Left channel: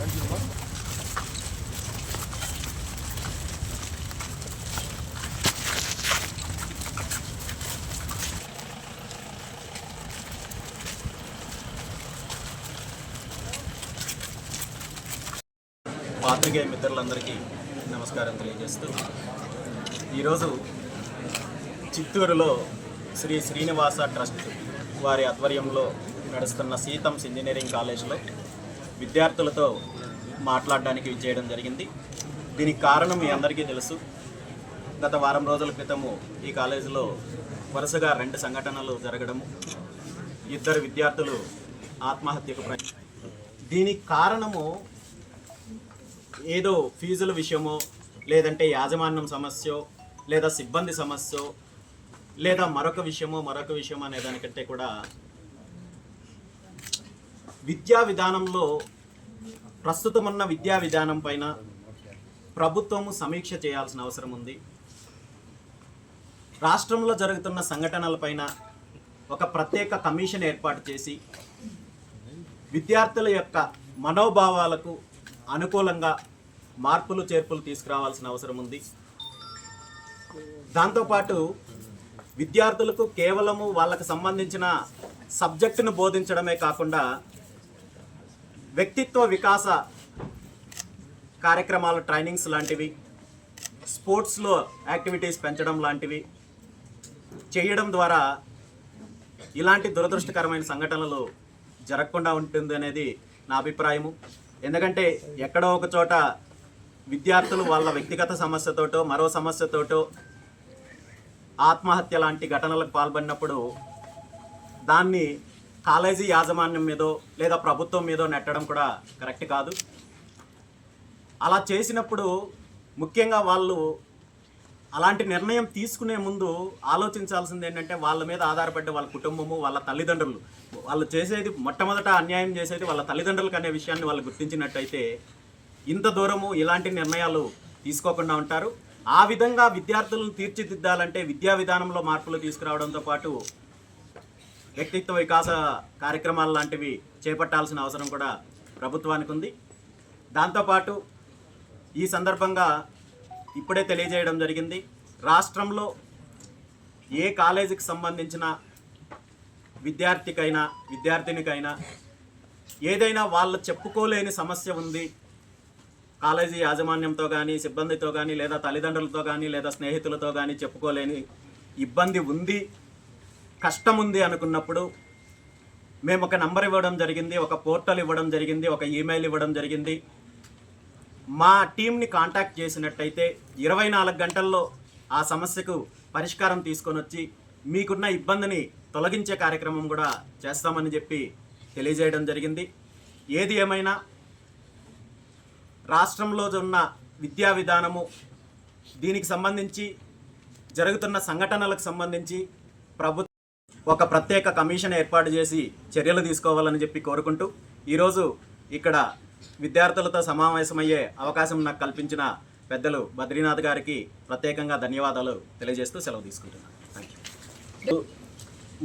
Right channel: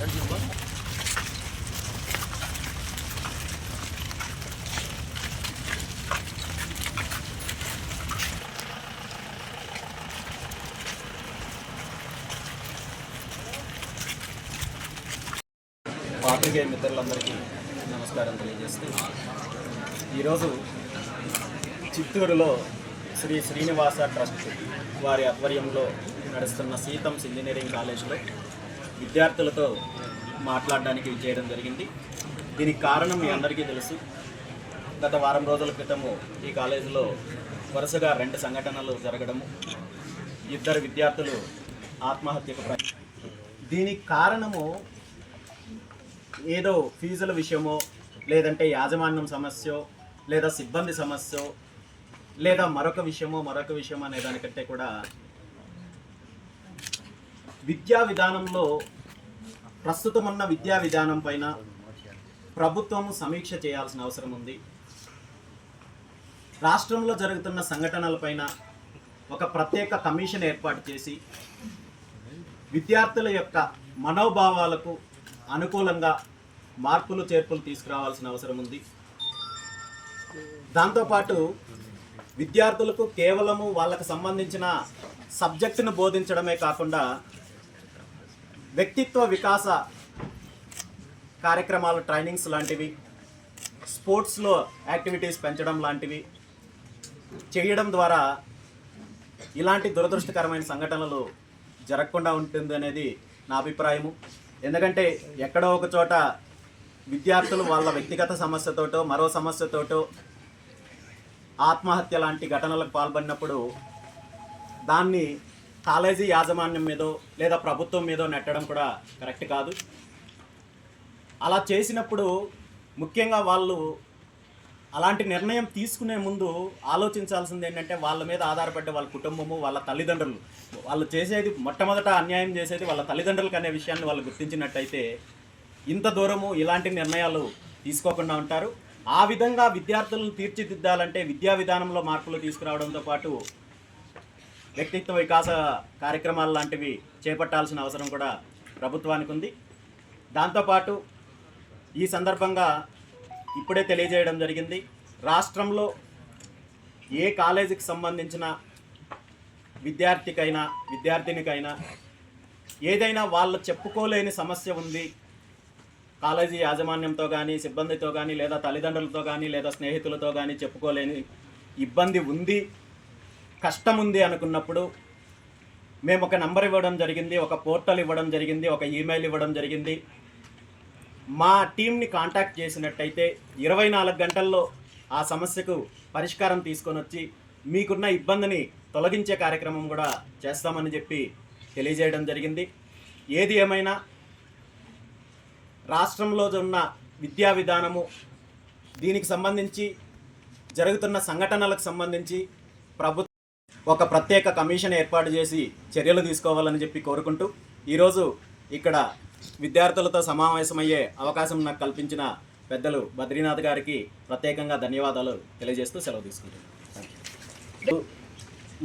పాత్రికేయ మిత్రులందరికీ నమస్కారం తెలియజేస్తూ ఈరోజు చిత్తూరులో శ్రీ శ్రీనివాస ట్రస్ట్ వారి ఆధ్వర్యంలో నడుస్తున్న సీతమ్స్ ఇంజనీరింగ్ కాలేజీలో విద్యార్థులతో మాట్లాడడానికి చేయడం జరిగింది. దీనికి కారణం మీ అందరికీ తెలుసు. గత వారం రోజుల క్రితము ఈ కాలేజీలో వరుసగా 2 సంఘటనలు జరగడము, 2 విద్యార్థులు ఆత్మహత్యకు దీనికి కారణము ఏదో ఫీజుల విషయమో, లేదంటే యాజమాన్యం సమస్య, లేదా సిబ్బంది సమస్య, లేదా మరొక విషయమో అనే దానికంటే కూడా విద్యా విధానంలో ప్రస్తుతమున్న విద్యా విధానం పైన ప్రభుత్వం సమీక్ష చేయాల్సిన అవసరం ఉంది. రాష్ట్రంలో జరుగుతున్న సంఘటనలపైన ఒక ప్రత్యేక కమిషన్ ఏర్పాటు చేసి విద్యార్థుల యొక్క మనోభావాలకు అనుకూలంగా మార్పులు చేర్పులు తీసుకురావాల్సిన అవసరం ఉంది. దాంతోపాటు విద్యార్థులకు కేవలము వాళ్ళకు సంబంధించిన సబ్జెక్టును బోధించడమే కాకుండా వ్యక్తిత్వ వికాస కార్యక్రమాలు, ట్రైనింగ్స్ లాంటివి, స్పోర్ట్స్లో యాక్టివిటీస్ పెంచడం లాంటివి చేయడం ద్వారా ఇలాంటి దురదృష్టకరమైన సంఘటనలు జరగకుండా ఉంటుంది అనేది నా అభిప్రాయము. ఎందుకంటే ఎక్కడో ఒక చోట విద్యార్థులు వాళ్ళ వ్యక్తిగత సమస్యతోటో మరో సమస్యతోటో ఆత్మహత్య లాంటి ఘటనలకు పాల్పడినప్పుడు దాన్ని కాలేజీ యాజమాన్యం మీదో లేదా ప్రభుత్వం మీదో నెట్టడం కూడా కరెక్ట్ కాదు. అలా చేసినప్పుడు ముఖ్యంగా వాళ్ళు అలాంటి నిర్ణయం తీసుకునే ముందు ఆలోచించాల్సింది ఏంటంటే వాళ్ళ మీద ఆధారపడ్డ వాళ్ళ కుటుంబము, వాళ్ళ తల్లిదండ్రులు, వాళ్ళు చేసేది మొట్టమొదట అన్యాయం చేసేది వాళ్ళ తల్లిదండ్రులకు అనే విషయాన్ని వాళ్ళు గుర్తించినట్టయితే ఇంత దూరము ఇలాంటి నిర్ణయాలు తీసుకోకుండా ఉంటారు. ఆ విధంగా విద్యార్థులను తీర్చిదిద్దాలంటే విద్యా విధానంలో మార్పులు తీసుకురావడంతో పాటు వ్యక్తిత్వ వికాస కార్యక్రమాలు లాంటివి చేపట్టాల్సిన అవసరం కూడా ప్రభుత్వానికి ఉంది. దాంతోపాటు ఈ సందర్భంగా ఇప్పుడే తెలియజేయడం జరిగింది, రాష్ట్రంలో ఏ కాలేజీకి సంబంధించిన విద్యార్థికైనా విద్యార్థినికైనా ఏదైనా వాళ్ళు చెప్పుకోలేని సమస్య ఉంది, కాలేజీ యాజమాన్యంతో కానీ సిబ్బందితో కానీ లేదా తల్లిదండ్రులతో కానీ లేదా స్నేహితులతో కానీ చెప్పుకోలేని ఇబ్బంది ఉంది, కష్టం ఉంది అనుకున్నప్పుడు మేము ఒక నంబర్ ఇవ్వడం జరిగింది, ఒక పోర్టల్ ఇవ్వడం జరిగింది, ఒక ఈమెయిల్ ఇవ్వడం జరిగింది. మా టీంని కాంటాక్ట్ చేసినట్టయితే 24 గంటల్లో ఆ సమస్యకు పరిష్కారం తీసుకొని వచ్చి మీకున్న ఇబ్బందిని తొలగించే కార్యక్రమం కూడా చేస్తామని చెప్పి తెలియజేయడం జరిగింది. ఏది ఏమైనా రాష్ట్రంలో ఉన్న విద్యా విధానము, దీనికి సంబంధించి జరుగుతున్న సంఘటనలకు సంబంధించి ప్రభుత్వం ఒక ప్రత్యేక కమిషన్ ఏర్పాటు చేసి చర్యలు తీసుకోవాలని చెప్పి కోరుకుంటూ ఈరోజు ఇక్కడ విద్యార్థులతో సమావేశమయ్యే అవకాశం నాకు కల్పించిన పెద్దలు బద్రీనాథ్ గారికి ప్రత్యేకంగా ధన్యవాదాలు తెలియజేస్తూ సెలవు తీసుకుంటున్నాను. Thank you.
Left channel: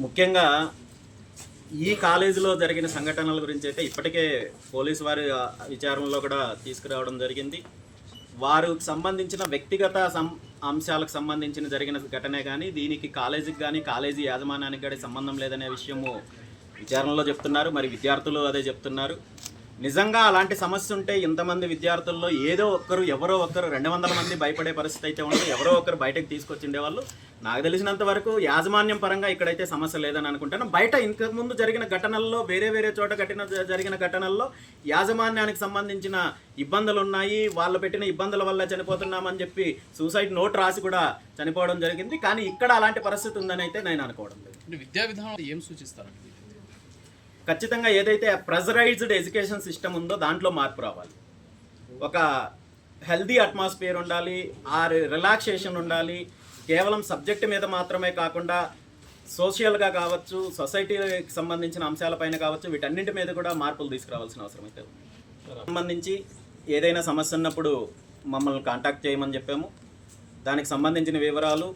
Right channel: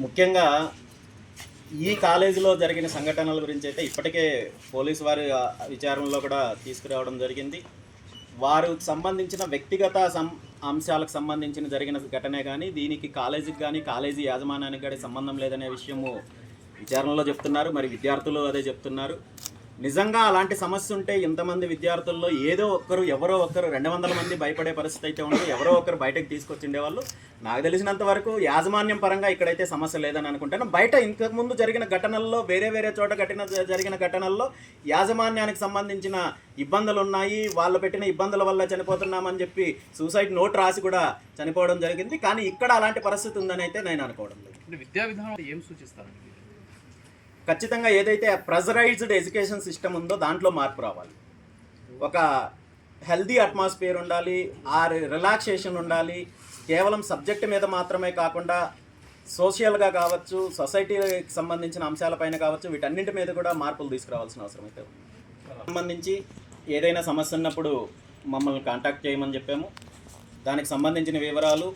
ముఖ్యంగా ఈ కాలేజీలో జరిగిన సంఘటనల గురించి అయితే ఇప్పటికే పోలీసు వారి విచారణలో కూడా తీసుకురావడం జరిగింది. వారు సంబంధించిన వ్యక్తిగత అంశాలకు సంబంధించిన జరిగిన ఘటనే కానీ దీనికి కాలేజీకి కానీ కాలేజీ యాజమాన్యానికి కానీ సంబంధం లేదనే విషయము విచారణలో చెప్తున్నారు. మరి విద్యార్థులు అదే చెప్తున్నారు. నిజంగా అలాంటి సమస్య ఉంటే ఇంతమంది విద్యార్థుల్లో ఏదో ఒక్కరు ఎవరో ఒక్కరు 200 మంది భయపడే పరిస్థితి అయితే ఉండదు, ఎవరో ఒకరు బయటకు తీసుకొచ్చిండేవాళ్ళు. నాకు తెలిసినంత వరకు యాజమాన్యం పరంగా ఇక్కడైతే సమస్య లేదని అనుకుంటాను. బయట ఇంతకుముందు జరిగిన ఘటనల్లో వేరే చోట జరిగిన ఘటనల్లో యాజమాన్యానికి సంబంధించిన ఇబ్బందులు ఉన్నాయి, వాళ్ళు పెట్టిన ఇబ్బందుల వల్ల చనిపోతున్నామని చెప్పి సూసైడ్ నోట్ రాసి కూడా చనిపోవడం జరిగింది. కానీ ఇక్కడ అలాంటి పరిస్థితి ఉందని అయితే నేను అనుకోవడం లేదు. విద్యా విధానం ఏం సూచిస్తారు? ఖచ్చితంగా ఏదైతే ప్రెజరైజ్డ్ ఎడ్యుకేషన్ సిస్టమ్ ఉందో దాంట్లో మార్పు రావాలి. ఒక హెల్దీ అట్మాస్ఫియర్ ఉండాలి, ఆ రిలాక్సేషన్ ఉండాలి. కేవలం సబ్జెక్ట్ మీద మాత్రమే కాకుండా సోషల్గా కావచ్చు, సొసైటీకి సంబంధించిన అంశాలపైన కావచ్చు, వీటన్నింటి మీద కూడా మార్పులు తీసుకురావాల్సిన అవసరం అయితే ఉంది. సంబంధించి ఏదైనా సమస్య ఉన్నప్పుడు మమ్మల్ని కాంటాక్ట్ చేయమని చెప్పాము. దానికి సంబంధించిన వివరాలు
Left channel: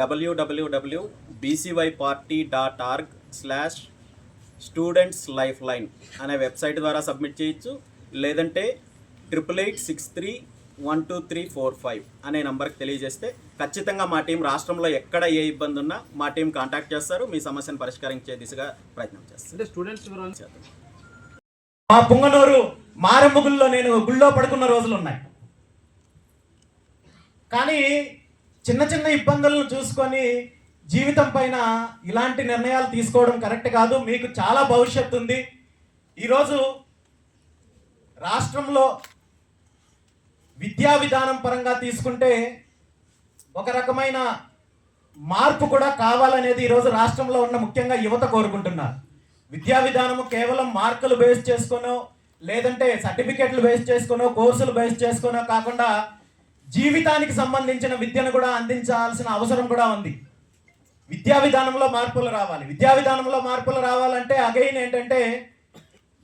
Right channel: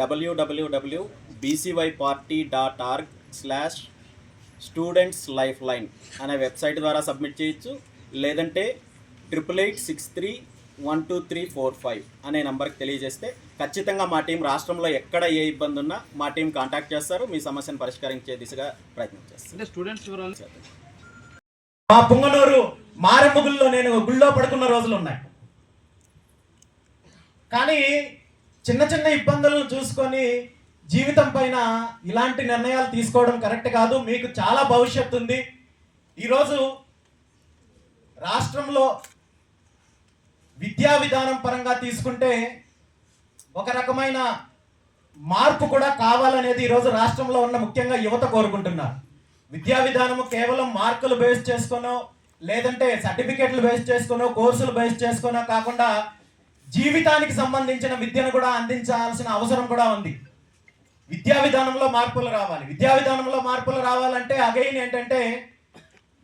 www.bcyparty.org/students lifeline అనే వెబ్సైట్ ద్వారా సబ్మిట్ చేయొచ్చు. లేదంటే 8886312345 అనే నంబర్కి తెలియజేస్తే ఖచ్చితంగా మా టీం రాష్ట్రంలో ఎక్కడ ఏ ఇబ్బంది ఉన్నా మా టీం కాంటాక్ట్ చేస్తారు, మీ సమస్యను పరిష్కరించే దిశగా ప్రయత్నం చేస్తారు. అంటే స్టూడెంట్స్ మా పుంగనూరు మారెమ్మ గుళ్ళో నేను గుళ్ళో పడుకున్న రోజులు ఉన్నాయి. కానీ చిన్న చిన్న ఇబ్బందులను చూసుకొని జీవితం పైన ఇలాంటి నిర్ణయాలు తీసుకోవడం కరెక్ట్ కాదు. మీకు చాలా భవిష్యత్తు ఉంది. ఈరోజు రాష్ట్రంలో విద్యా విధానం పరంగా తీసుకుంటే ఒక రకమైన మార్పు కూడా కావాలనేది ఈరోజు రాష్ట్రంలో ఉన్న ముఖ్యంగా యువత కోరుకుంటున్నారు. విద్యా విధానము కేవలం మార్కులు బేస్ చేసుకోనో లేదంటే సర్టిఫికెట్లు బేస్ చేసుకోనో కోర్సులు బేస్ చేసుకోనో కాకుండా జీవితానికి సంబంధించిన విద్యను కూడా అందించాల్సిన అవసరం కూడా ఉంది. విద్యా విధానంలో మార్పులు రావాలి. విద్యా విధానంలో మార్పులు రావాలంటే అగైన్ ఏంటంటే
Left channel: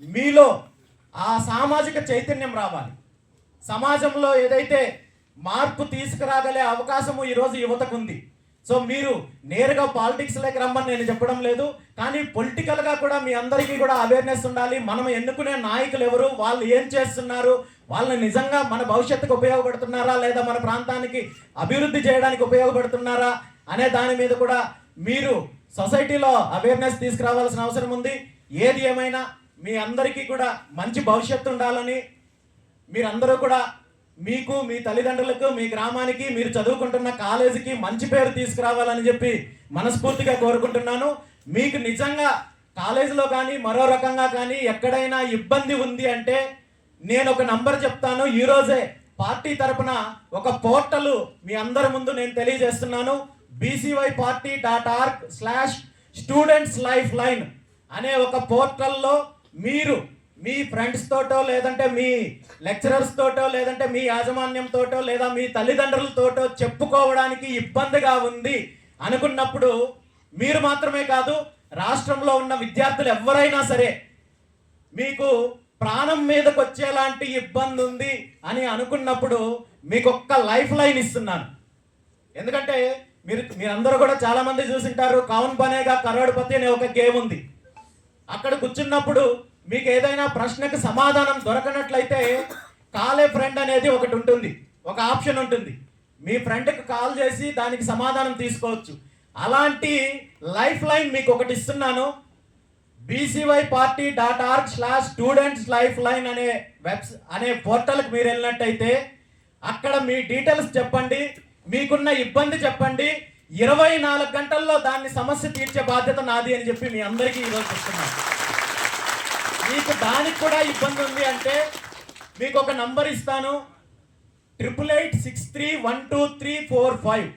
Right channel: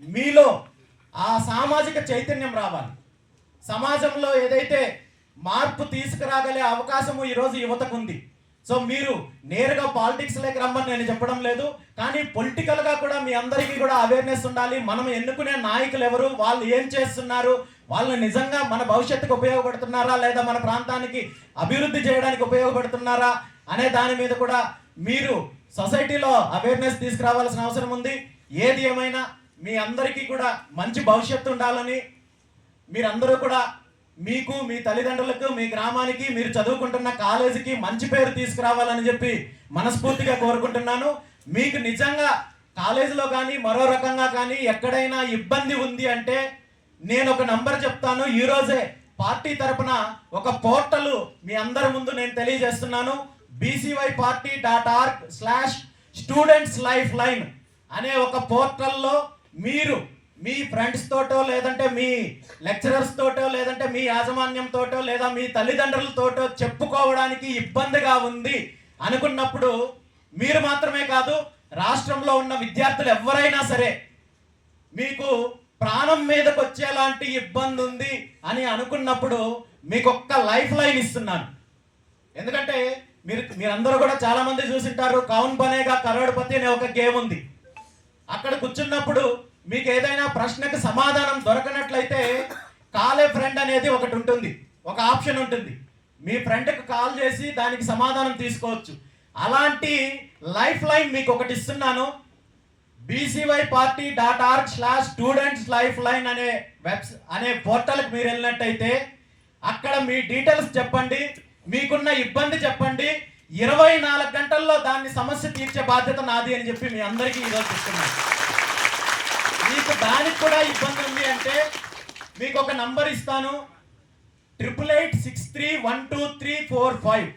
మీలో ఆ సామాజిక చైతన్యం రావాలి. సమాజంలో ఏదైతే మార్పు తీసుకురాగలే అవకాశము ఈరోజు యువతకు ఉంది. సో మీరు నేరుగా పాలిటిక్స్లోకి రమ్మని నేను చెప్పడం లేదు, కానీ పొలిటికల్గా కూడా మీ అందరికీ కూడా అవేర్నెస్ ఉండాలి. మనం ఎన్నుకునే నాయకులు ఎవరు, వాళ్ళు ఏం చేస్తున్నారు, వాళ్ళు నిజంగా మన భవిష్యత్తుకు ఉపయోగపడుతున్నారా లేదా మన ప్రాంతానికి అభివృద్ధి చేయడానికి ఉపయోగపడుతున్నారా అనే దాని మీద కూడా మీరు సొసైటీలో అవేర్నెస్ తీసుకురావాల్సిన అవసరం ఉంది. ఏది ఏమైనా మీ అందరికీ కూడా మంచి భవిష్యత్తు ఉండాలని, మీరందరూ కూడా మీకు, మీ తల్లిదండ్రులకు, మీ గ్రామానికి, మీరు చదువుకుంటున్న కాలేజీకి మంచి పేరు తీసుకురావాలని చెప్పి మనస్ఫూర్తిగా కోరుకుంటున్నాను. మీకు నిజంగా కాలేజీలో కానీ మరో రకంగా కానీ ఎక్కడైనా ఇబ్బంది ఉంది అంటే నేను ఒక నంబర్ చెప్తాను. ఈరోజే పార్టీ తరపున ఒక పోర్టల్ మీ అందరి ముందు నేను తెలియజేస్తున్నాను. bcyparty.org/students lifeline అనే ఒక పోర్టల్లో మీరు మీ ఫ్రెండ్స్ తోటో లేదంటే మీ లెక్చరర్స్ తోటో లేదంటే మీ యాజమాన్యంతోటో లేదా మీ తల్లిదండ్రులతోటో చెప్పుకోవడానికి ఇబ్బందిగా ఉంది అనుకున్నప్పుడు మీరు మాత్రమే కాదు, రాష్ట్రంలో ఉన్న విద్యార్థులు ఎవరైనా సరే మీకు ప్రాణం మీదకి వచ్చేలాంటి ఇబ్బంది ఉంది అని అనుకున్నప్పుడు మీకు ఒక్క లైఫ్ లైన్ ఇస్తున్నాను. ఎందుకంటే మీరందరూ కూడా చాలా మంది చూసింటారు, కౌన్ బనేగా కరోడ్పతి అనే ఒక గేమ్ ఉంది. అక్కడ కూర్చున్నప్పుడు మీకు ఏదైనా ప్రశ్నకు సమాధానం దొరకనట్లయితే కాలే ఫ్రెండ్ అనేది ఒకటి ఉంటుంది, ఒక ఆప్షన్ ఉంటుంది. మీ ఫ్రెండ్కి కాల్ చేసి దానికి సమాధానం తీసుకోవచ్చు. అలాంటి లైఫ్ లైన్ మీకు ఒకటి ఇస్తున్నాను. bcyparty.org/students lifeline అనే పోర్టల్కి మీరు వెళ్ళినట్టయితే అక్కడ మీ డీటెయిల్స్ చెప్పండి, మీకున్న ఇబ్బంది చెప్పండి. 24 గంటల్లో దాన్ని సమస్య తీర్చే బాధ్యత నాది అని చెప్పి మీ అందరికీ ఈరోజు చెప్తున్నాను. మీకు దానికి కూడా ఇబ్బంది ఉంది అంటే మీకు ఒక నంబర్ ఇస్తాను, 8886312345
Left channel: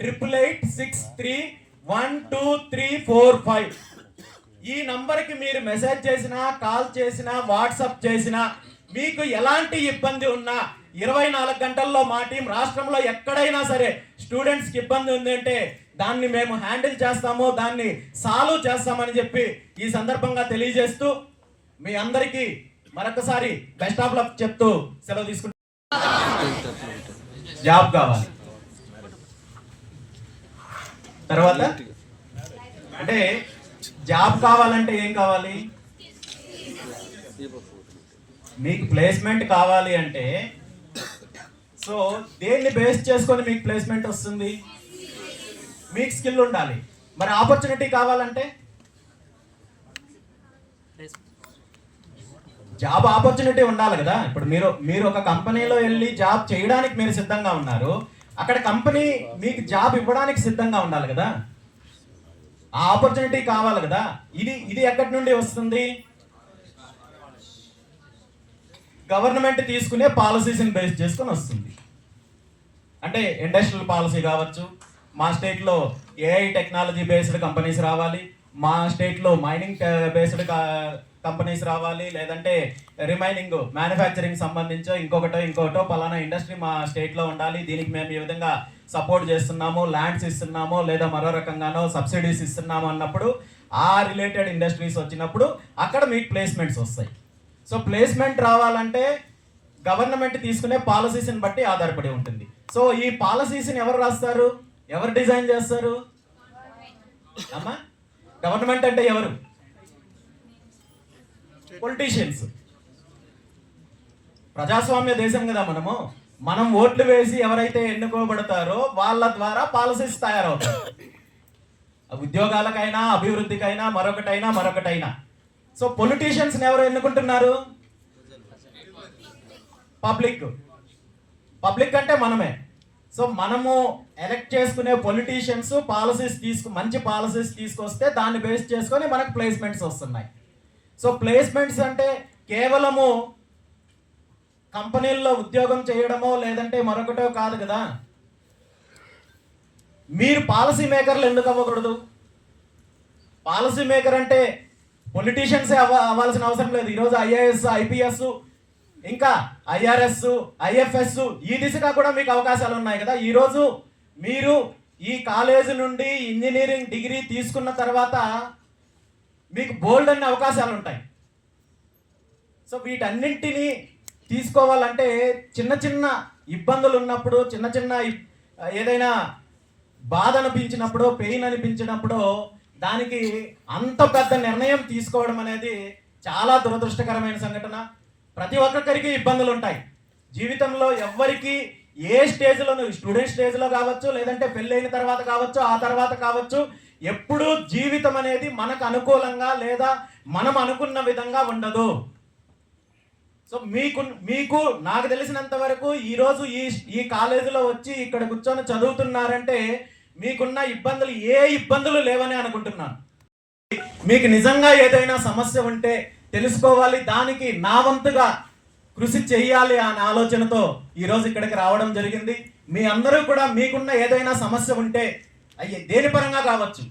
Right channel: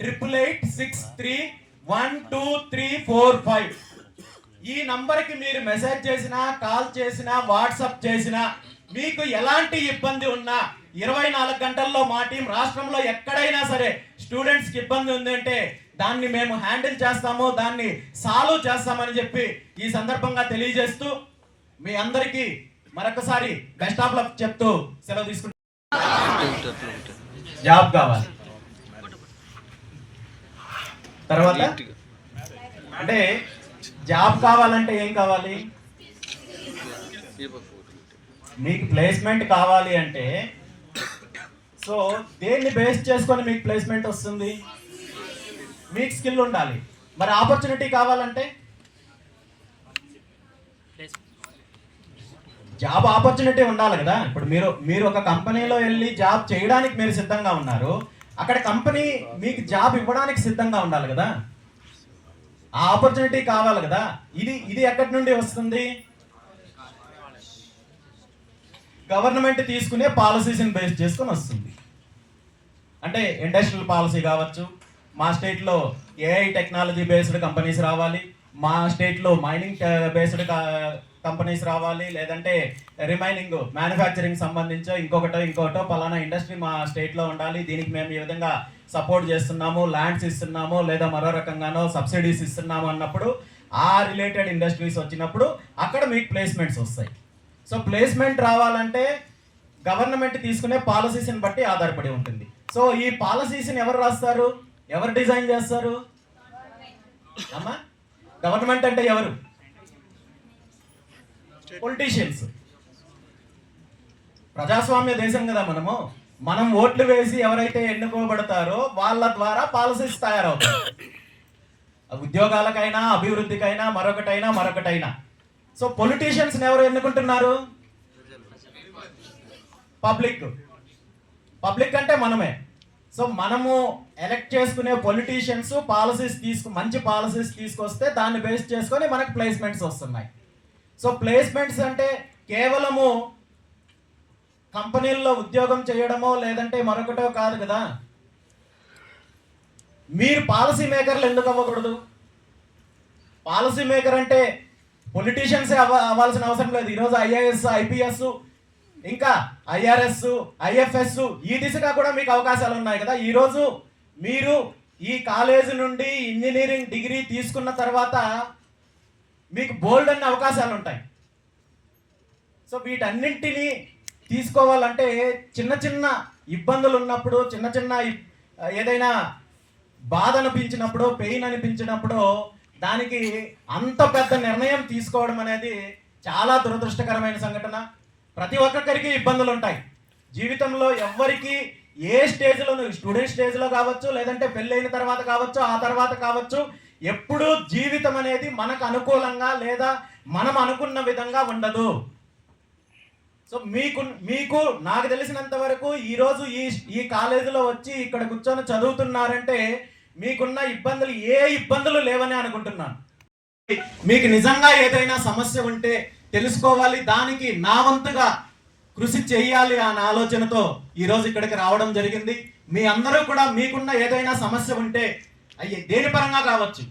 8886312345. ఈ నంబర్కి మీరు మెసేజ్ చేసినా, కాల్ చేసినా, వాట్సాప్ చేసినా, మీకు ఎలాంటి ఇబ్బంది ఉన్నా 24 గంటల్లో మా టీం రాష్ట్రంలో ఎక్కడైనా సరే స్టూడెంట్స్కి ఇబ్బంది ఉంది అంటే దాన్ని మేము హ్యాండిల్ చేస్తాము, దాన్ని సాల్వ్ చేస్తామని చెప్పి ఈ సందర్భంగా తెలియజేస్తూ మీ అందరికీ మరొకసారి బెస్ట్ ఆఫ్ లక్ చెప్తూ సెలవు తీసుకుంటాం. జాబ్ కావాలి. తర్వాత అంటే జాబ్ కావాలంటే ఏం కావాలి? మీకు ప్లేస్మెంట్ కావాలి అంటే సో దేన్ని బేస్ చేసుకొని మీకు ప్లేస్మెంట్ వస్తుంది? మీకు స్కిల్ ఉండాలి. మరి ఆపర్చునిటీ కావాలంటే జాబ్ ఆపర్చునిటీ ఉండాలి కదా. ఇప్పుడు మీరు ఒక కంపెనీలో వెళ్ళి జాబ్ చేయడానికి మీరు సిద్ధంగా ఉన్నారు, అక్కడ కంపెనీ మీకు జాబ్ ఇవ్వడానికి సిద్ధంగా ఉండాలి కదా. ఆ ఆపర్చునిటీ కావాలి కదా. ఇది ఎక్కడి నుండి వస్తుంది? గవర్నమెంట్ తీసుకునే పాలసీస్ని బేస్ చేసుకొని వస్తుంది. అంటే ఇండస్ట్రియల్ పాలసీ కావచ్చు, మా స్టేట్లో ఏఐ టెక్నాలజీ బేస్డ్ కంపెనీస్ రావాలి, మా స్టేట్లో మైనింగ్ బేస్డ్ కంపెనీస్ రావాలి, లేదంటే రిమైనింగ్ మ్యానుఫ్యాక్చరింగ్ సంబంధించో ఇంకొకటో పలానా ఇండస్ట్రీ మా స్టేట్లో ఉండాలి, దీనికి మేము ఈ విధంగా సపోర్ట్ చేస్తున్నాము, ల్యాండ్స్ ఇస్తున్నాము లేదా మరో రకంగానో సబ్సిడీస్ ఇస్తున్నాము అన్నప్పుడు ఆ రిలేటెడ్ ఇండస్ట్రీస్ వచ్చినప్పుడు అక్కడ మీకు ప్లేస్మెంట్స్ వస్తాయి. సో ప్లేస్మెంట్ రావాలంటే గవర్నమెంట్ తీసుకునే పాలసీస్ని బట్టి ఆధారపడి ఉంటుంది. సో ఈ పాలసీస్ని ఎవరు రాస్తారు, ఎవరు డిజైన్ చేస్తారు? అమ్మా, గవర్నమెంట్ అంటే ఎవరు? పొలిటీషియన్స్. ప్రజాస్వామ్య దేశం కదా మనం ఓట్లు వేసి ఎవరైతే ఎన్నుకోబడతారో వాళ్ళ ద్వారా పాలసీస్ తయారవుతాయి. ఉద్యోగాలకైనా, అభివృద్ధికైనా, మరొకటైనా. సో పొలిటీషియన్స్ ఎవరు ఎన్నుకుంటున్నారు? పబ్లిక్ అంటే మనమే. సో మనము ఎలక్ట్ చేసుకునే పొలిటీషియన్స్ మంచి పాలసీస్ తీసుకొస్తే దాన్ని బేస్ చేసుకొని మనకు ప్లేస్మెంట్స్ వస్తున్నాయి. సో ప్లేస్మెంట్స్ అంటే కేవలము కంపెనీల్లో ఉద్యోగం చేయడమో లేదంటే మరొకటో కాదు కదా. మీరు పాలసీ మేకర్లు ఎందుకు అవ్వకూడదు? పాలసీ మేకర్ అంటే పొలిటీషియన్సే అవ్వాల్సిన అవసరం లేదు. ఈరోజు ఐఏఎస్, ఐపీఎస్, ఇంకా ఐఆర్ఎస్, ఐఎఫ్ఎస్ ఈ దిశగా కూడా మీకు అవకాశాలు ఉన్నాయి కదా. ఈరోజు మీరు ఈ కాలేజీ నుండి ఇంజనీరింగ్ డిగ్రీ తీసుకున్న తర్వాత మీకు బోల్డ్ అనే అవకాశాలు ఉంటాయి. సో వీటన్నింటినీ తీసుకోవాలంటే చిన్న ఇబ్బందులు ఉన్నప్పుడు, ఏదైనా బాధ అనిపించినప్పుడు, పెయిన్ అనిపించినప్పుడు దానికి అంత పెద్ద నిర్ణయం తీసుకోవడం అనేది చాలా దురదృష్టకరమైన సంఘటన. ప్రతి ఒక్కరికి ఇబ్బందులు ఉంటాయి జీవితంలో. ఎవరికి ఏ స్టేజ్లో, స్టూడెంట్ స్టేజ్లో కావచ్చు, లేదంటే పెళ్ళైన తర్వాత కావచ్చు, ఆ తర్వాత కావచ్చు, ఎప్పుడూ జీవితం అనేది మనకు అనుకూలంగా లేదా మనం అనుకున్న విధంగా ఉండదు. సో మీకు నాకు తెలిసినంత వరకు ఈరోజు ఈ కాలేజీలో వచ్చి ఇక్కడ కూర్చొని చదువుతున్నారంటే మీకున్న ఇబ్బందులు ఏ ఇబ్బందులు లేవని అనుకుంటున్నాను. మీకు నిజంగా ఏదైనా సమస్య ఉంటే తెలుసుకోవాలి, దానికి నా వంతుగా కృషి చేయాలి అనే ఆలోచనతో ఈరోజు ఇక్కడికి రావడం జరిగింది. మీ అందరూ కూడా మీకున్న ఏదైనా సమస్య ఉంటే దేని పరంగా కావచ్చు,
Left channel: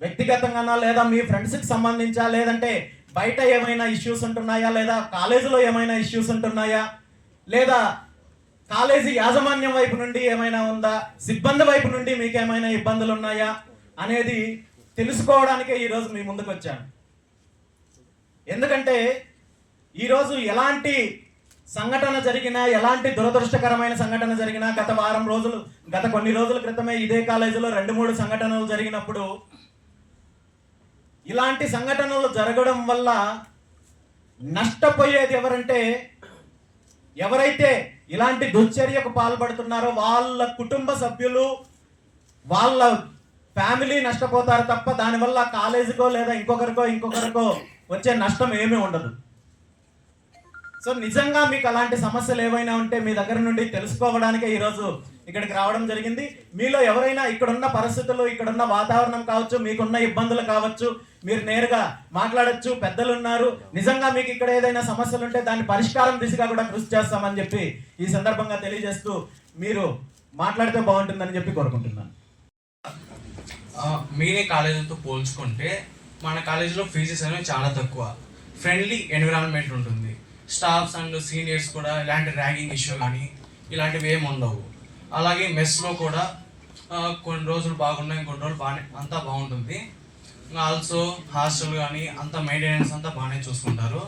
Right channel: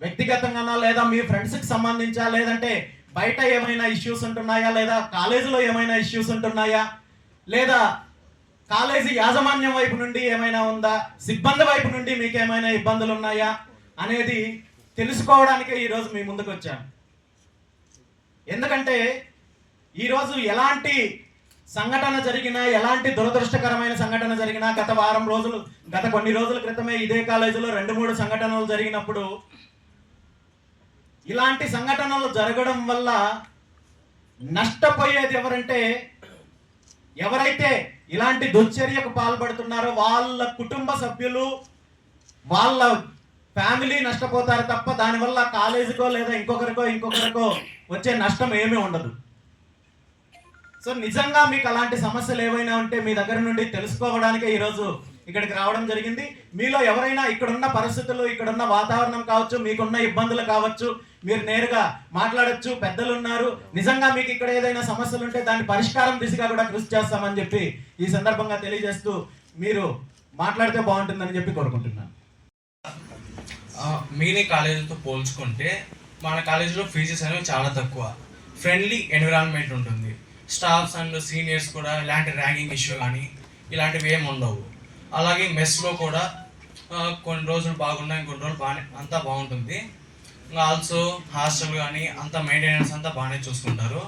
వ్యక్తిగతంగానా లేదా మీ ఫ్రెండ్స్కి సంబంధించా, లేదంటే బయట ఏమైనా ఇష్యూస్ ఉంటున్నాయా, లేదా కాలేజీలో ఏమైనా ఇష్యూస్ ఉంటున్నాయా, లేదా కాలేజీ యాజమాన్యం వైపు నుండి ఏమైనా ఉందా, సిబ్బంది వైపు నుండి మీకు ఏమైనా ఇబ్బందులు ఉన్నాయా అనేది తెలుసుకోవడానికే ఈరోజు మీ ముందుకు వచ్చాను. ఎందుకంటే ఈరోజు ఎలాంటి సంఘటన జరిగినా, ఎలాంటి దురదృష్టకరమైన సంఘటన జరిగినా, గత కొన్ని రోజుల క్రితమే ఇదే కాలేజీలో 2-3 సంఘటనలు జరిగినప్పుడు, ఇలాంటి సంఘటనలు జరగడం వల్ల నష్టపోయేది ఎవరంటే, ఎవరైతే ఇలాంటి దుశ్చర్యకు పాల్పడుతున్నారో వాళ్ళ కుటుంబ సభ్యులు, వాళ్ళ ఫ్యామిలీ నష్టపోతారు తప్ప దానివల్ల కాలేజీకో లేదా ఇంకొకరికో వచ్చే నష్టం ఏమీ ఉండదు. సో నిజంగా మీకు అలాంటి సమస్యలు ఏవైనా ఉంటే మీ దగ్గర నుండి తెలుసుకోవడానికే ఈరోజు ఇక్కడికి రావడం జరిగింది. మీలో ఎవరైనా ఇక్కడున్న పరిస్థితులు, ఇక్కడున్న వాతావరణం కావచ్చు, మీకున్న ఇబ్బందులు కావచ్చు, మీరు నేరుగా మాట్లాడొచ్చు. పెద్దలు ఉన్నారు. నిజంగా మీకు ఇక్కడ ఏదైనా సమస్యలు ఉంటే దాని పరిష్కారం దిశగా కూడా కృషి చేస్తామని చెప్పి ఈ సందర్భంగా తెలియజేస్తూ మీరు మాట్లాడితే బాగుంటుందని చెప్పి కోరుకుంటున్నాను. మినీ కాలేజీతో పోల్చుకుంటే మన కాలేజీలో ఫీజెస్ అనేవి చాలా తక్కువ. ఫ్రెండ్లీ ఎన్విరాన్మెంట్ ఉంటుంది. స్టాఫ్స్ అండ్ సీనియర్స్ కూడా ఇలాంటి ర్యాగింగ్ ఇష్యూ కానీ ఇలాంటివి ఏమి ఉండవు. అలాగే మెస్లో కూడా కొన్ని రోజులు బాగున్నాయి, కొన్ని రోజులు అంతా బాగుంటుంది. ఆల్సో హాస్టల్ కానీ అంతా మెయింటెనెన్స్ అంతా బాగానే చూసుకుంటారు.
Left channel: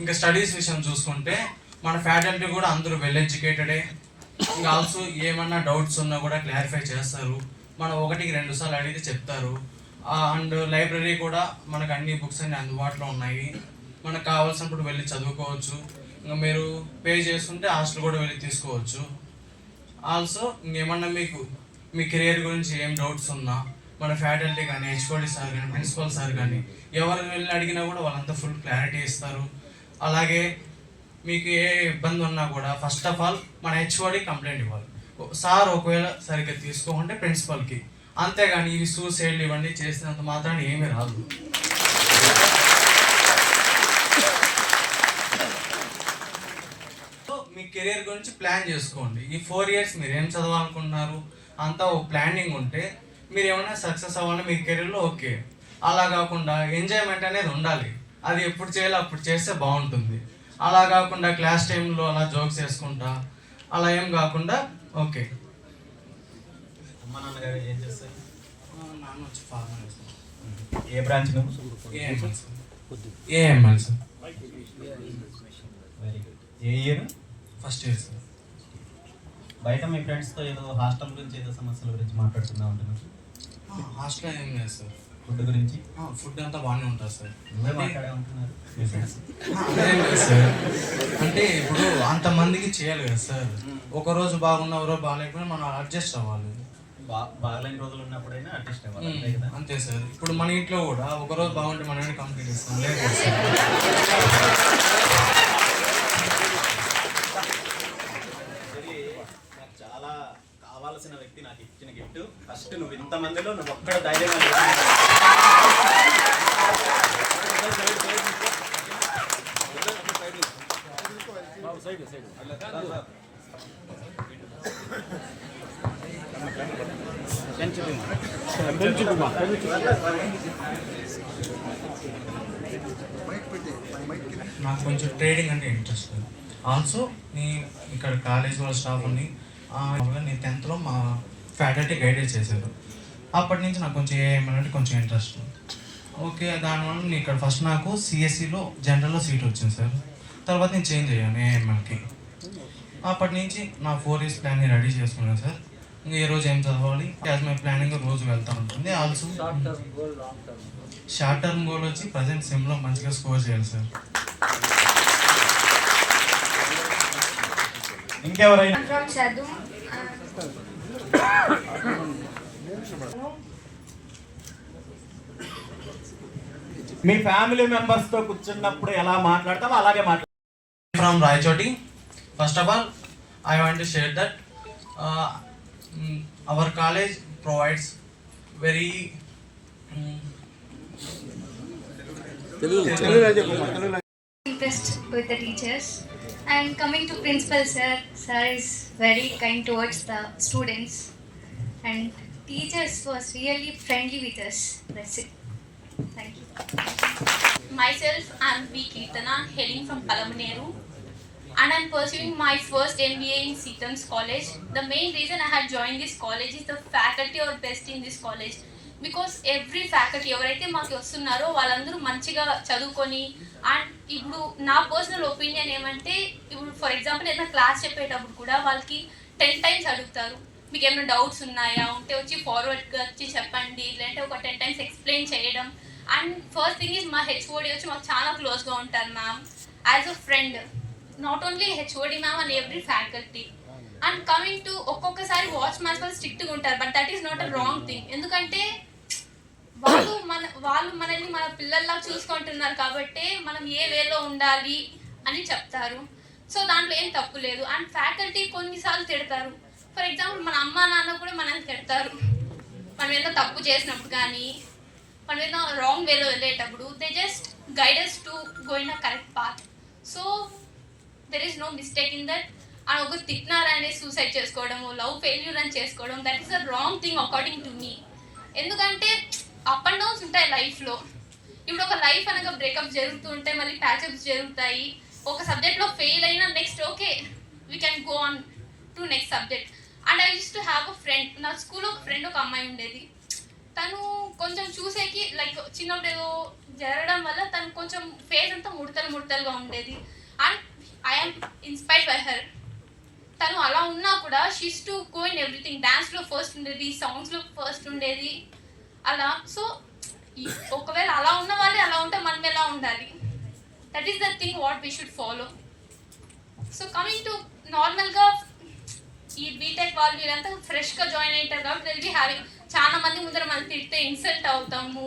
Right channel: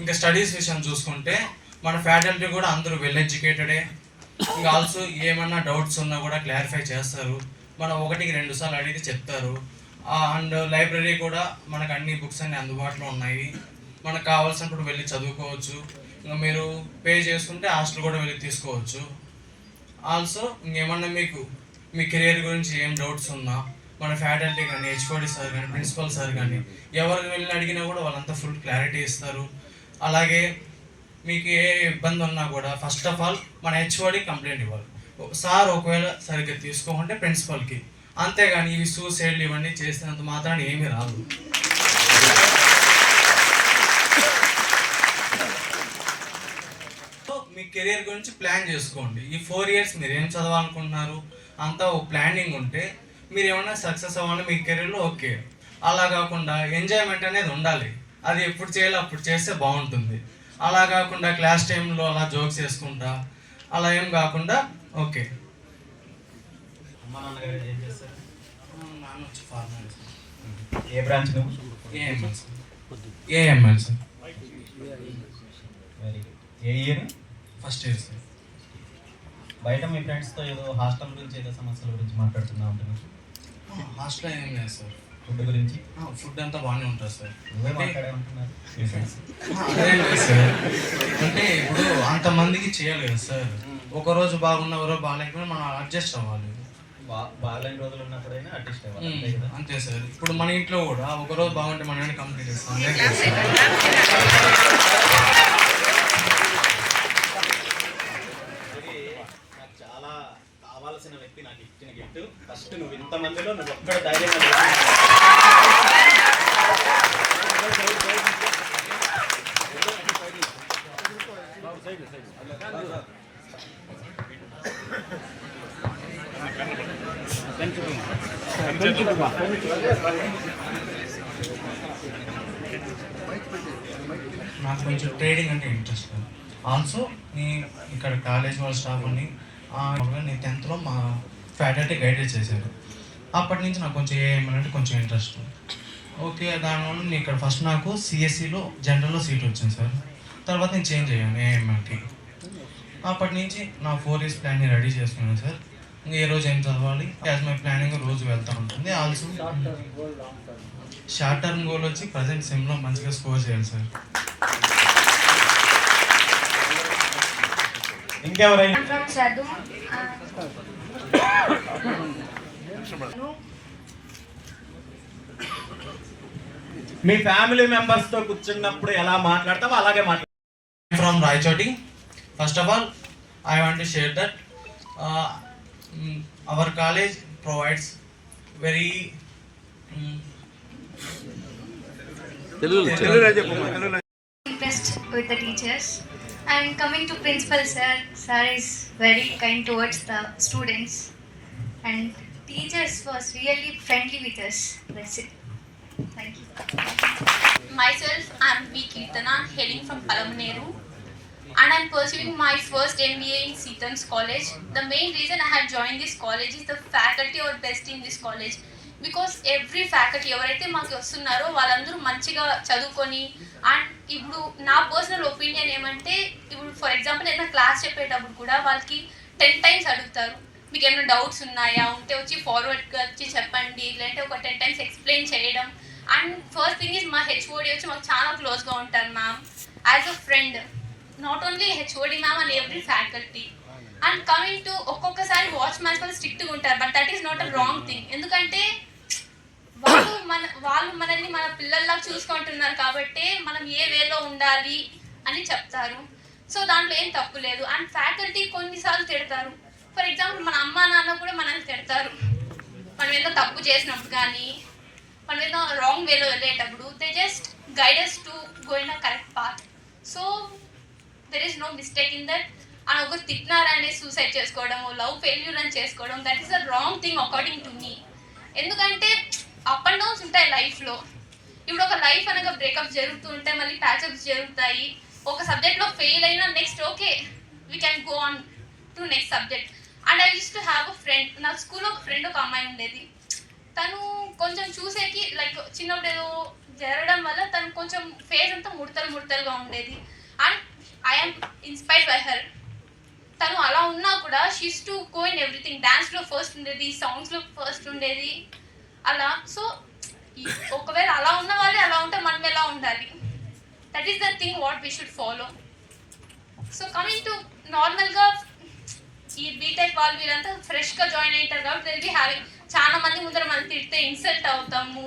ఇంకా స్టడీస్ విషయం చూసుకుంటే మన ఫ్యాకల్టీ కూడా అందరూ వెల్ ఎడ్యుకేటెడే. ఇంకా ఆల్సో ఏమన్నా డౌట్స్ ఉన్నా కూడా క్లారిఫై చేస్తారు. మనం 1-2 సార్లు అడిగితే చెప్తారు. అండ్ లైబ్రరీ కూడా మనకు అన్ని బుక్స్ అన్ని అందుబాటులో ఉన్నాయి. మనకు కావాల్సినప్పుడు వెళ్ళి చదువుకోవచ్చు. ఇంకా మీరు పే చేసుకుంటే హాస్టల్ కూడా వెళ్ళి తీసుకోవచ్చు. ఆల్సో ఇంకేమన్నా మీకు మీ కెరియర్ గురించి ఏం డౌట్స్ ఉన్నా మన ఫ్యాకల్టీ కానీ, హెచ్ఓడి సార్ కానీ, ప్రిన్సిపల్ సార్ కానీ ఎవరికి వెళ్ళి అడిగినా కూడా వాళ్ళంతా ఫుల్ క్లారిటీ ఇస్తారు. అలాగే మీకు ఏ ఇబ్బంది ఉన్నా కూడా ఫస్ట్ ఆఫ్ ఆల్ మన హెచ్ఓడి కంప్లైంట్ ఇవ్వాలి. సార్ ఒకవేళ సరిగ్గా తీసుకోకుంటే ప్రిన్సిపల్కి, అంతేగాని ఇవి సూసైడ్లు ఇవన్నీ చేసినంత మాత్రాన్ని ఏమీ రాదు. మీ కెరీర్ గురించి ప్లాన్ చేసుకోండి. ఈ 4 years మీరు ఏం చదవాలనుకుంటున్నారు అంతా ఒక ప్లానింగ్ ఉంటే మీరు ఏమైనా సక్సెస్ అవ్వాలి మీ కెరీర్లో, ఓకే. అలా కాకుండా ఎంజాయ్మెంట్ అనేది ఉండాలి. అది ఎప్పుడు చేయాలి అప్పుడు చేస్తే బాగుంటుంది. అలా కాకుండా క్లాస్ టైంలో అలా జోక్స్ వేసుకుంటా అలా ఏం కాకుండా ఓకే. అమ్మ నాన్నగారు ఏం చేస్తారు? నాన్న వచ్చి ఫార్మర్ సార్. ఏ బ్రాంచ్ నువ్వు? AML sir. Very good. ఏ ఇయర్? First year sir. బయట మీ ఫ్రెండ్స్తో ఏదో హాస్టల్ గురించి ఏదో సమస్యల గురించి మాట్లాడుతున్నా ఉంటున్నారు. హాస్టల్ ఏం లేదు సార్. ఫుడ్ గురించి ఫుడ్ అంతా బాగానే ఉంటుంది సార్. నువ్వే మాట్లాడే ఉంటున్నారు. అదేం లేదు సార్, అంటే ఇప్పుడు అంతమందికి చేయాలి కదా సార్. ఒక రోజు బాగున్న ఒక రోజు బాగాలేకపోయినా మనం అడ్జస్ట్ అవ్వాలి. బాగాలేని రోజులు ఉన్నప్పుడైనా అడ్జస్ట్ అవ్వాలి, అంతే కదా? అంతే సార్. ఇప్పుడు మన ఇంట్లో కూడా ఒక రోజు బాగుంటే మనమే కంప్లీట్ చేస్తాం. నాకు చాలా కావాల్సిన వ్యక్తి నాకు ఇచ్చిన గిఫ్ట్. ఫస్ట్ నువ్వు ఇంతమందిలో నువ్వు ఒక్కడ ధైర్యంగా నాకు కొంచెం ట్రేడింగ్ అంటే ఇంట్రెస్ట్. ఆల్సో నీ ఇక్కడ కాలేజ్ వాళ్ళ స్టాఫ్ ఉంది. నేను 10th మా ఫ్యాకల్టీ గైడెన్స్ చేశారు. అప్పటి నుంచి నాకు కొంచెం ఏమంటే కొంచెం ఇంట్రెస్ట్. ఓకే, దానివల్ల నేను ఇక్కడ ఫస్ట్ నాకు సిఎస్సిలో జనరల్లో సీట్ వచ్చింది సార్. తర్వాత నేను చేంజ్ అయ్యాను ఏఎంఎల్కి. అప్పటి నుంచి నా 4 years ప్లాన్ని రెడీ చేసుకున్నాను సార్. ఇంకా ఏ రోజు ఏం చదవాలి యాజ్ మై ప్లానింగ్ రోజు వెళ్తూ ఉంటుంది. ఆల్సో షార్ట్ టర్మ్ గోల్ వచ్చి ప్రజెంట్ సెమ్లో మంచిగా స్కోర్ చేయాలి సార్. ఇంకెవరైనా మీ ఫ్యామిలీ మెంబర్స్ తో కూర్చున్నప్పుడు ఎలా మాట్లాడతావో అలాగే మాట్లాడతాం. From Raichoti, first of all, I want to share that our college provides very impressed with the teachers, and coming to principal sir is very kind towards the students, and teachers was really friendly with us. That's it. Thank you. Myself, I am V. Kirtana, hailing from Palamaneru, and I am pursuing my first MBA in Seetham's College. The main reason I had joined this college is the faculty are best in this college, because every faculty ఎవరైతే మాకు వస్తున్నారో వాళ్ళందరూ మంచిగా చదువుకొని, and ఇప్పుడు నా personal opinion ఏమంటే, ఇప్పుడు ఫర్ ఎగ్జాంపుల్ ఏదైనా క్లాస్ చెప్పేటప్పుడు కూడా వాళ్ళకి 10 times అడుగుతారు, మీకు ఏమైనా డౌట్స్ ఉన్నాయా, ఉంటే వచ్చి ఫార్వర్డ్గా వచ్చి చెప్పండి, లేదంటే ఒక 10 times ఎక్స్ప్లెయిన్ చేయడం. అండ్ ఫస్ట్ థింగ్ ఈజ్ మా హెచ్ఓడి వచ్చి మాకు చాలా క్లోజ్గా ఉంటారు ma'am, as a friend. Not only HOD ma'am and every faculty. And coming to ఒక్కొక్కసారి వాచ్మ్యాన్స్ వాళ్ళు స్ట్రిక్ట్గా ఉంటారు, but that is not a wrong thing. ఎందుకంటే వాళ్ళు మనల్ని మన పిల్లల్లా చూసుకుంటున్నారు కాబట్టి మనం ఏ వేలో ఉండాలి అని చెప్తారు. సో దాంట్లో ఏం తప్పు లేదు. అండ్ ఫ్యాకల్టీ కొన్నిసార్లు తిడతారు. ఫర్ ఎగ్జాంపుల్ మన అమ్మ నాన్న కూడా మనల్ని తిడతారు, మనం ఏదో తప్పు చేసినప్పుడు కానీ మనం ఏదో రాంగ్ వేలో వెళ్ళేటప్పుడు. They just guides to go in a correct path. So there is no mistake in that. And ఒకరు తిట్టినారని సూసైడ్ చేసుకోవడం, లవ్ ఫెయిల్యూర్ అని చేసుకోవడం, that is the wrong thing according to me. ఎందుకంటే అప్ అండ్ డౌన్స్ ఉంటాయి లైఫ్లో. ఇప్పుడు ఒక లైఫ్ అనగా బ్రేకప్ జరుగుతూ ఉంటాయి, మళ్ళీ ప్యాచప్స్ జరుగుతాయి. ఒక సబ్జెక్ట్లో ఫెయిల్ అయినా next okay we can go on to next subject. And I use to have a friend. నా స్కూల్లో ఒక ఫ్రెండ్, ఒక అమ్మాయి ఉండేది. తను కొంచెం చూసేకి లైక్ చిన్నప్పుడు ఏదో జరగడం వల్ల తను కొంచెం ఫేస్ అంతా ముడతలుగా ఉండేది. And I'm inspired by her. తను అలా ఉన్నా కూడా she's to go in everything. డాన్స్లో ఫస్ట్ ఉండేది, సాంగ్స్లో ఫస్ట్ ఉండేది అలా. సో ఒకవేళ అలా ఉన్న వాళ్ళే అలా ఉంటే మనం ఎలా ఉండాలి, that is the thing what we should follow. So coming to నార్మల్గా ఈ బీటెక్ వాళ్ళు వీళ్ళంతా ఫ్రెష్గా జాయిన్ అవుతారు కాబట్టి దిల్ బి హ్యావింగ్ చాలా మంది ముందర మనం తిడితే ఇన్సల్ట్ అవుతాము,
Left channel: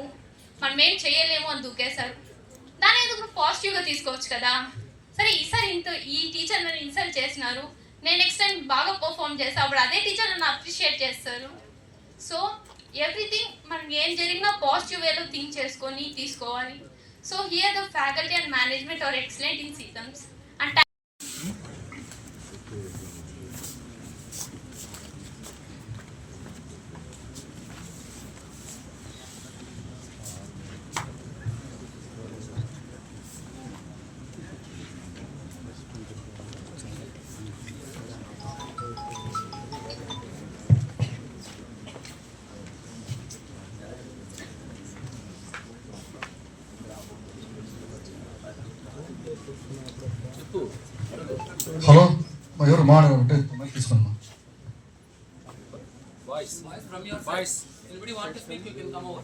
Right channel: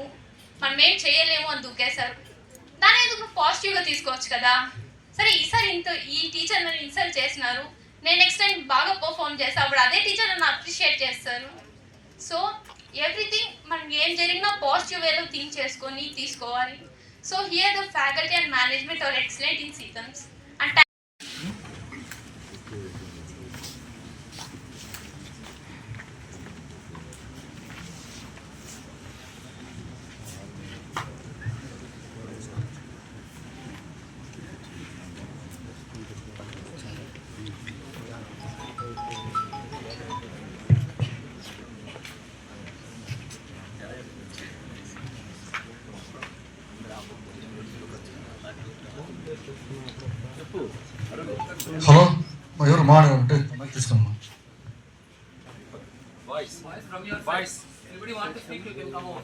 మనం ఏం చేయలేము అని దూకేశారు. దాని ఎందుకు పాజిటివ్గా తీసుకోవచ్చు కదా. సరే ఈసారి ఈ టీచర్ నన్ను ఇన్సల్ట్ చేసినారు, నేను నెక్స్ట్ టైం బాగా పర్ఫామ్ చేస్తాను, అప్పుడు అదే టీచర్ నన్ను అప్రిషియేట్ చేస్తారు. సో ఎవ్రీథింగ్ మనం ఏం జరిగినా పాజిటివ్ వేలో థింక్ చేసుకొని తీసుకోవాలి. So here the faculty and management or excellent in Seetham's. And hello ఎవరు మాట్లాడంటే తీసుకున్నాం. Anybody want to speak, you can come over.